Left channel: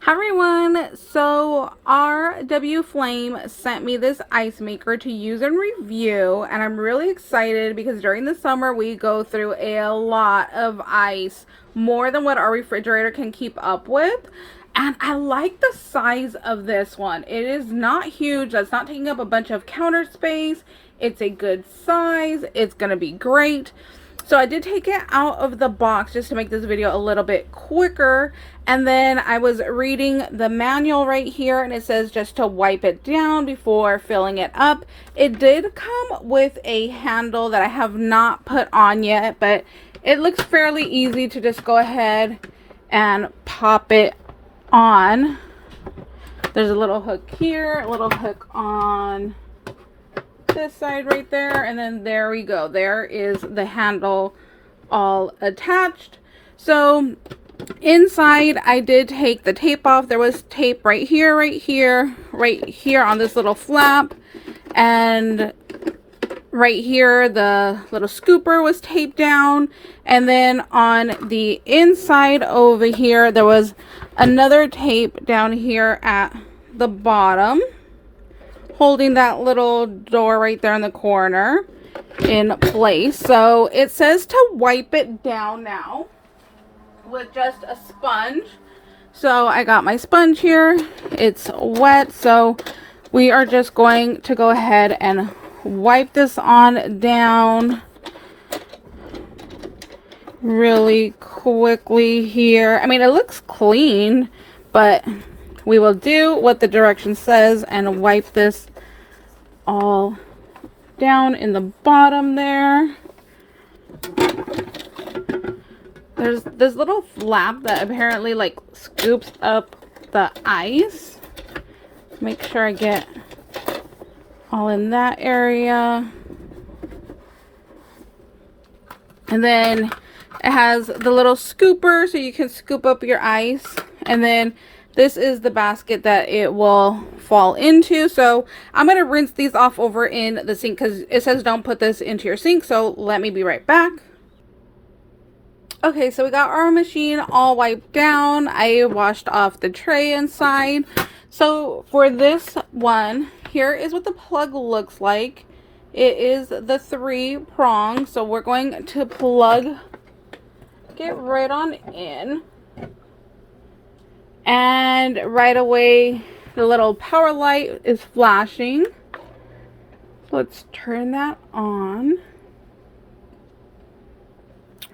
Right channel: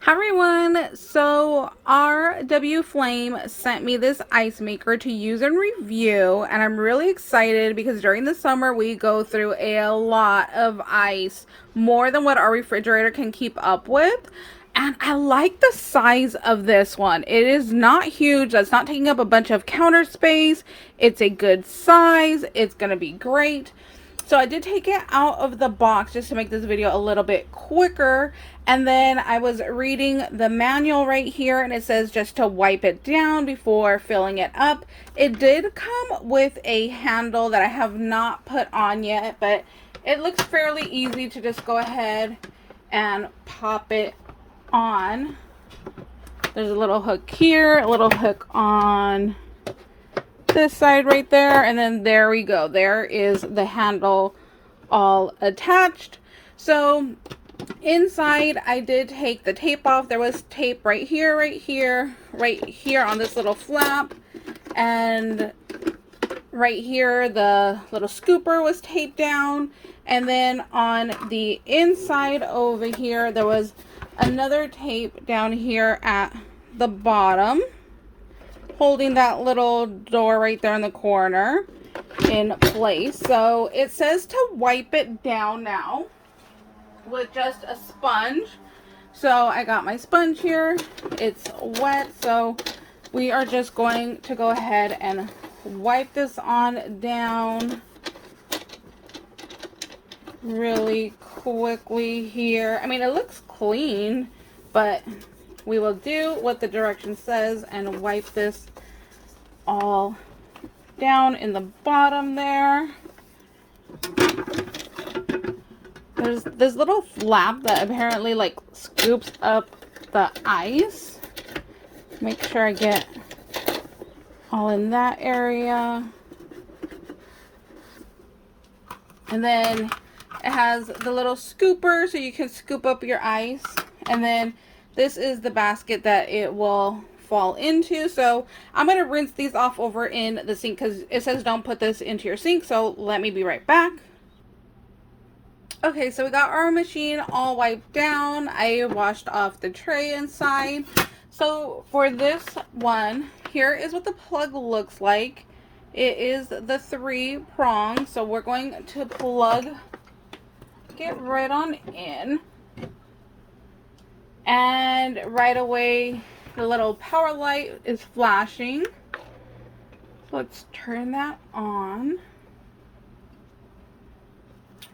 Hi everyone, so r.w.flame sent me this ice maker to use and review, and I'm really excited because during the summer we go through a lot of ice, more than what our refrigerator can keep up with. And I like the size of this one. It is not huge, that's not taking up a bunch of counter space. It's a good size, it's gonna be great. So I did take it out of the box just to make this video a little bit quicker. And then I was reading the manual right here, and it says just to wipe it down before filling it up. It did come with a handle that I have not put on yet, but it looks fairly easy to just go ahead and pop it on. There's a little hook here, a little hook on this side right there, and then there we go. There is the handle all attached. So inside I did take the tape off. There was tape right here, right here, right here on this little flap, and right here the little scooper was taped down, and then on the inside over here there was another tape down here at the bottom, holding that little door right there in the corner in place. So it says to wipe it down now with just a sponge. So I got my sponge here. It's wet, so we are just going to go ahead and wipe this on down really quickly here. I mean, it looks clean, but we will do what the direction says and wipe this all down in the bottom there. There's this little flap that apparently like scoops up the ice. Make sure I get all in that area. And then it has the little scooper so you can scoop up your ice. And then this is the basket that it will fall into. So I'm going to rinse these off over in the sink because it says don't put this into your sink. So let me be right back. Okay, so we got our machine all wiped down. I washed off the tray inside. So for this one, here is what the plug looks like. It is the 3 prong. So we're going to plug, get right on in. And right away, the little power light is flashing. Let's turn that on.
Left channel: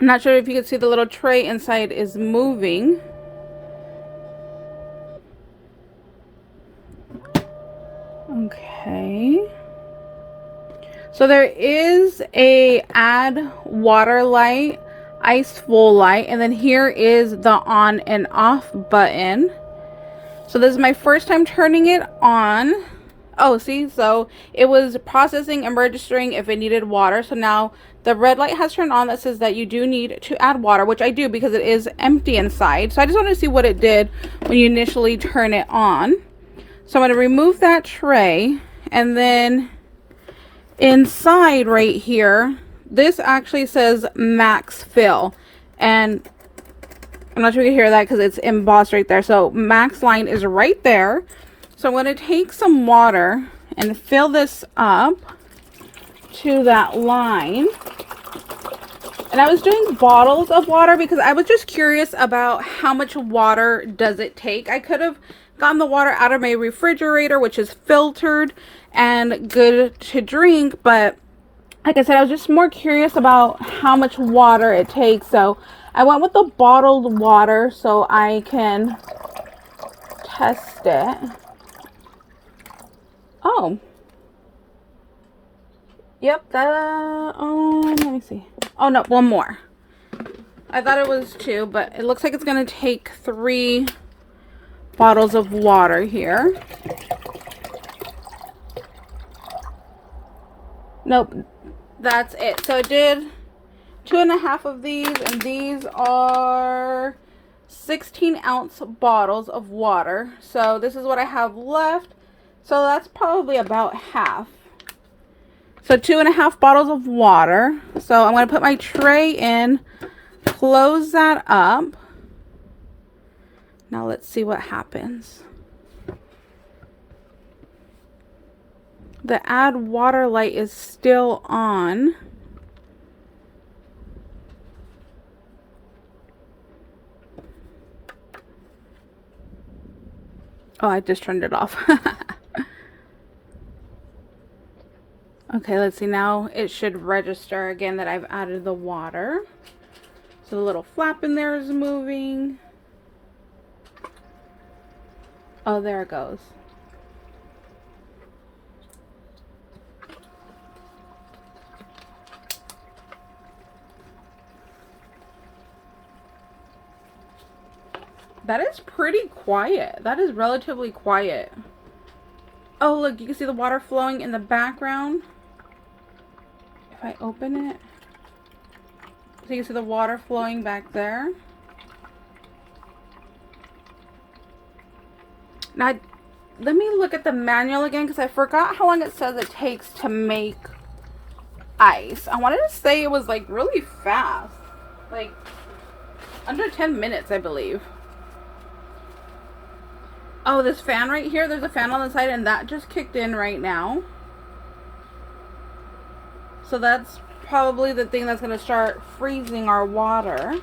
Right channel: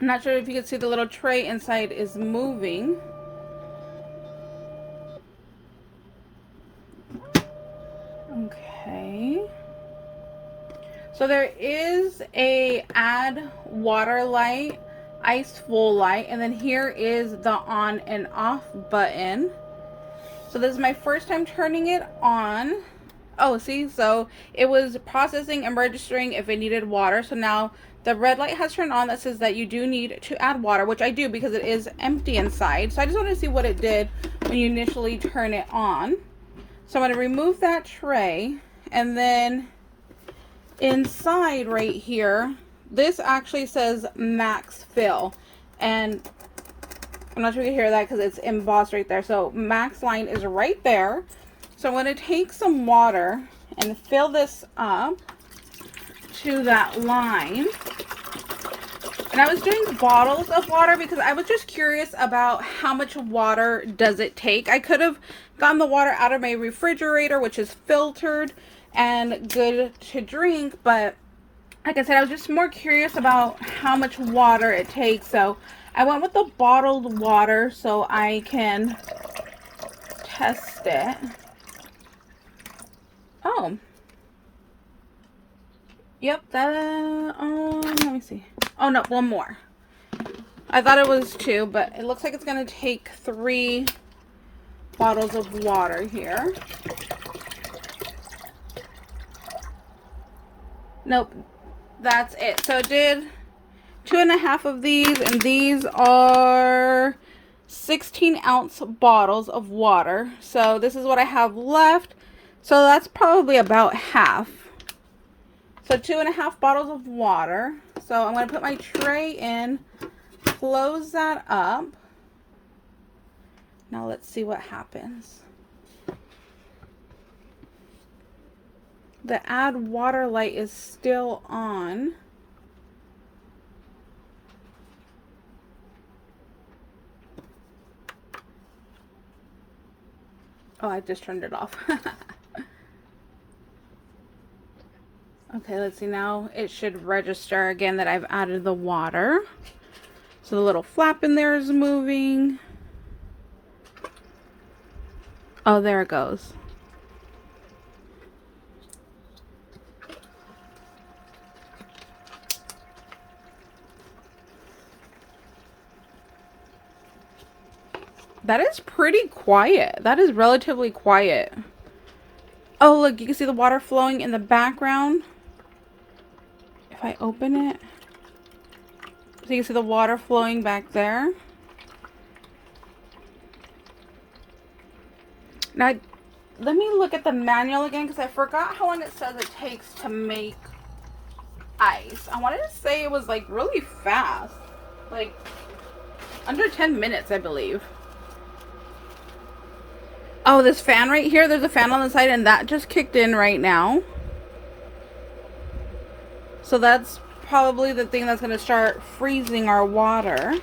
I'm not sure if you can see the little tray inside is moving. Okay. So there is a add water light, ice full light, and then here is the on and off button. So this is my first time turning it on. Oh, see, so it was processing and registering if it needed water. So now the red light has turned on that says that you do need to add water, which I do because it is empty inside. So I just wanted to see what it did when you initially turn it on. So I'm going to remove that tray, and then inside right here, this actually says max fill, and I'm not sure you can hear that because it's embossed right there. So max line is right there. So I'm going to take some water and fill this up to that line. And I was doing bottles of water because I was just curious about how much water does it take. I could have gotten the water out of my refrigerator, which is filtered and good to drink, but like I said, I was just more curious about how much water it takes. So I went with the bottled water so I can test it. Oh. Yep, that, let me see. Oh no, one more. I thought it was 2, but it looks like it's gonna take 3 bottles of water here. Nope, that's it. So it did 2.5 of these, and these are 16-ounce bottles of water. So this is what I have left. So that's probably about half. So 2.5 bottles of water. So I'm going to put my tray in, close that up. Now let's see what happens. The add water light is still on. Oh, I just turned it off. Okay, let's see. Now it should register again that I've added the water. So the little flap in there is moving. Oh, there it goes. That is pretty quiet. That is relatively quiet. Oh, look, you can see the water flowing in the background. If I open it, so you can see the water flowing back there. Now, let me look at the manual again because I forgot how long it says it takes to make ice. I wanted to say it was like really fast, like under 10 minutes, I believe. Oh, this fan right here, there's a fan on the side and that just kicked in right now. So that's probably the thing that's going to start freezing our water.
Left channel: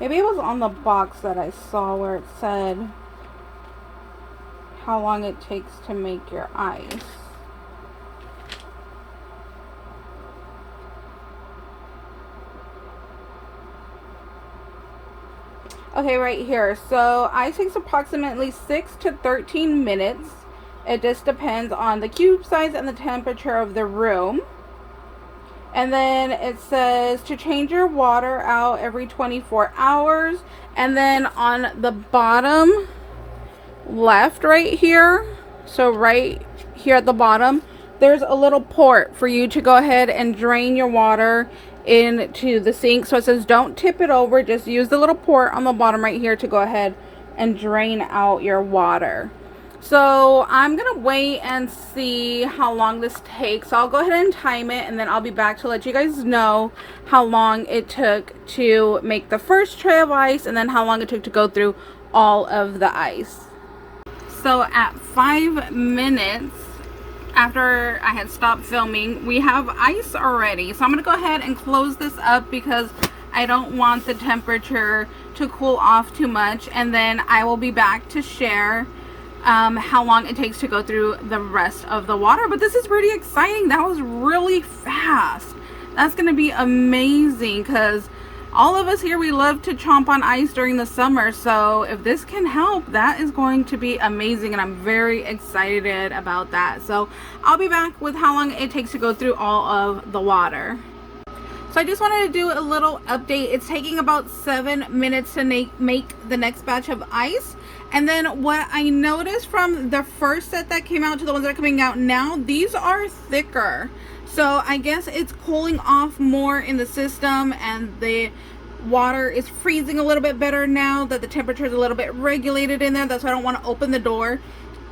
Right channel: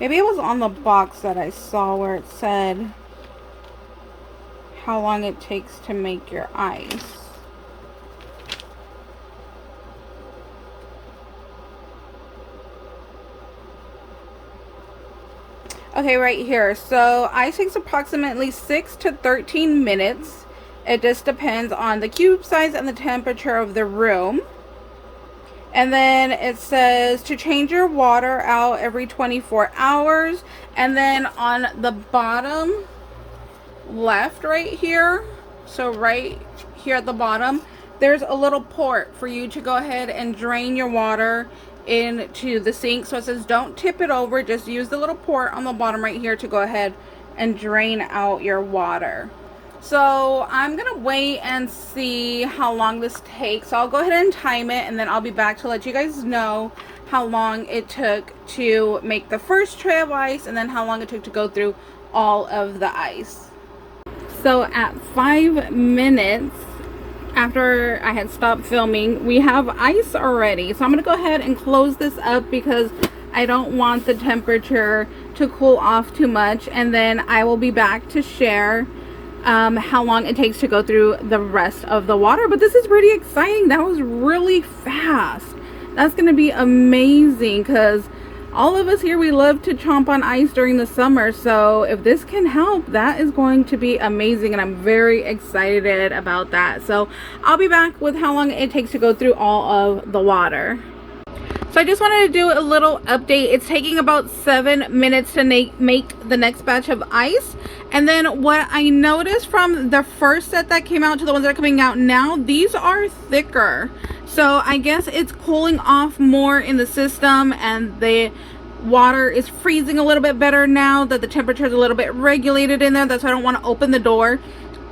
Maybe it was on the box that I saw where it said how long it takes to make your ice. Okay, right here. So ice takes approximately 6 to 13 minutes. It just depends on the cube size and the temperature of the room. And then it says to change your water out every 24 hours. And then on the bottom left right here, so right here at the bottom, there's a little port for you to go ahead and drain your water into the sink. So it says don't tip it over, just use the little port on the bottom right here to go ahead and drain out your water. So I'm gonna wait and see how long this takes. So I'll go ahead and time it and then I'll be back to let you guys know how long it took to make the first tray of ice and then how long it took to go through all of the ice. So at 5 minutes after I had stopped filming, we have ice already. So I'm gonna go ahead and close this up because I don't want the temperature to cool off too much, and then I will be back to share how long it takes to go through the rest of the water. But this is pretty exciting. That was really fast. That's gonna be amazing because all of us here, we love to chomp on ice during the summer. So if this can help, that is going to be amazing, and I'm very excited about that. So I'll be back with how long it takes to go through all of the water. So I just wanted to do a little update. It's taking about 7 minutes to make the next batch of ice. And then what I noticed from the first set that came out to the ones that are coming out now, these are thicker. So I guess it's cooling off more in the system and the water is freezing a little bit better now that the temperature is a little bit regulated in there. That's why I don't want to open the door.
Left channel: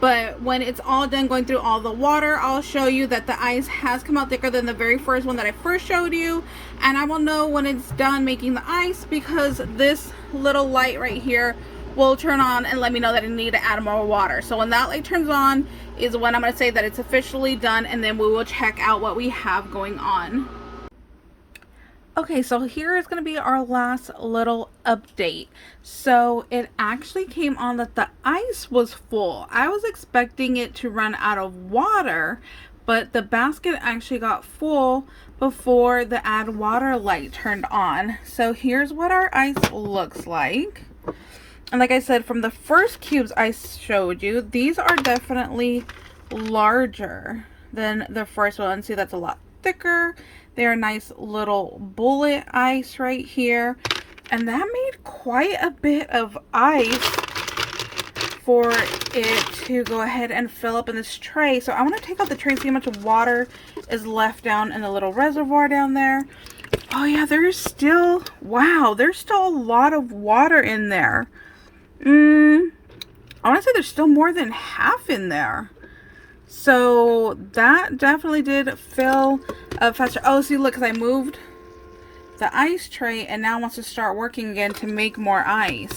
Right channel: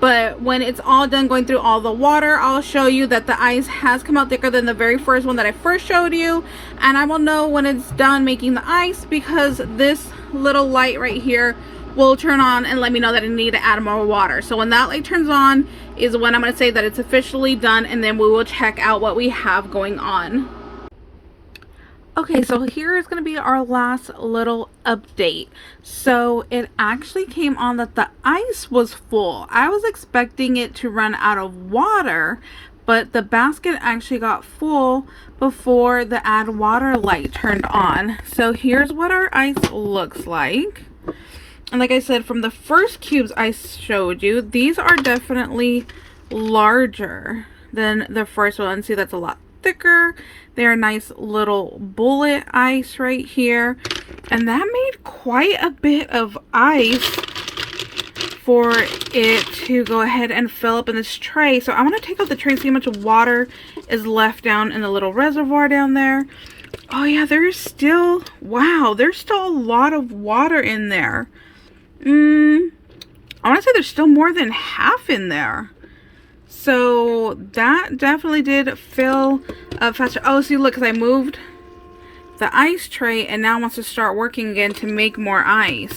But when it's all done going through all the water, I'll show you that the ice has come out thicker than the very first one that I first showed you. And I will know when it's done making the ice because this little light right here will turn on and let me know that I need to add more water. So when that light turns on is when I'm going to say that it's officially done, and then we will check out what we have going on. Okay, so here is going to be our last little update. So it actually came on that the ice was full. I was expecting it to run out of water, but the basket actually got full before the add water light turned on. So here's what our ice looks like. And like I said, from the first cubes I showed you, these are definitely larger than the first one. See, that's a lot thicker. They're nice little bullet ice right here, and that made quite a bit of ice for it to go ahead and fill up in this tray. So I want to take out the tray and see how much water is left down in the little reservoir down there. Oh yeah, there's still, wow, there's still a lot of water in there. I want to say there's still more than half in there. So that definitely did fill up faster. Oh, see, look, because I moved the ice tray and now wants to start working again to make more ice.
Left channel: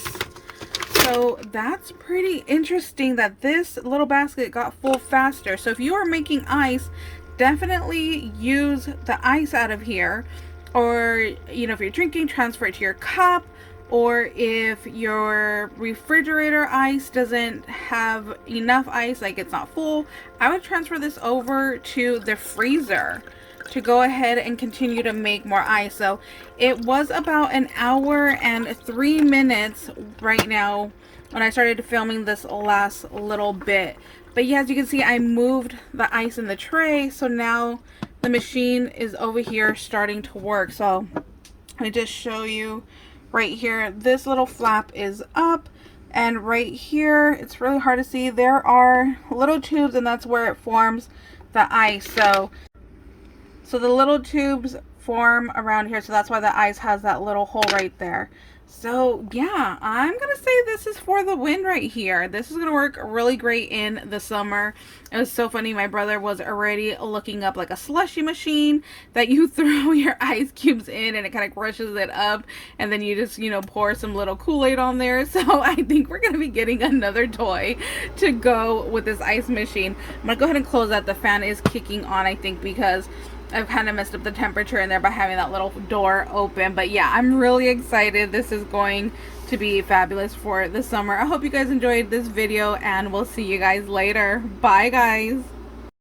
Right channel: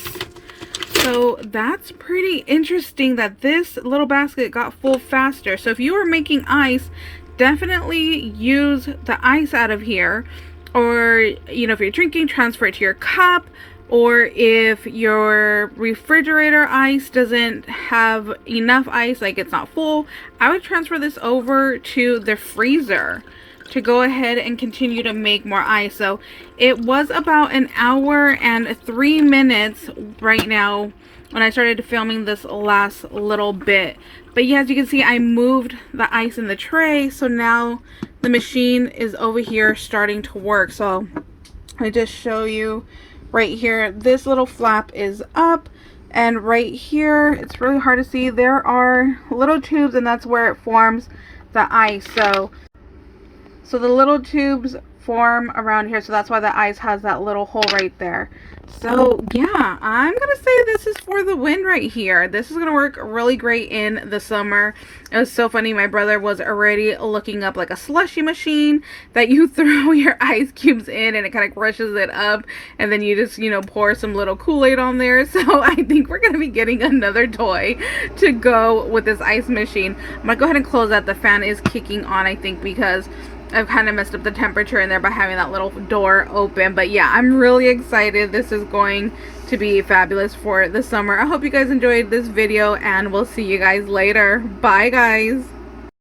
So that's pretty interesting that this little basket got full faster. So if you are making ice, definitely use the ice out of here. Or, you know, if you're drinking, transfer it to your cup. Or if your refrigerator ice doesn't have enough ice, like it's not full, I would transfer this over to the freezer to go ahead and continue to make more ice. So it was about an hour and 3 minutes right now when I started filming this last little bit. But yeah, as you can see, I moved the ice in the tray, so now the machine is over here starting to work. So I just show you right here, this little flap is up, and right here, it's really hard to see, there are little tubes, and that's where it forms the ice. So the little tubes form around here, so that's why the ice has that little hole right there. So yeah, I'm gonna say this is for the win right here. This is gonna work really great in the summer. It was so funny, my brother was already looking up like a slushy machine that you throw your ice cubes in and it kind of crushes it up, and then you just, you know, pour some little Kool-Aid on there. So I think we're gonna be getting another toy to go with this ice machine. I'm gonna go ahead and close that. The fan is kicking on, I think, because I've kind of messed up the temperature in there by having that little door open. But yeah, I'm really excited. This is going to be fabulous for the summer. I hope you guys enjoyed this video, and we'll see you guys later. Bye, guys.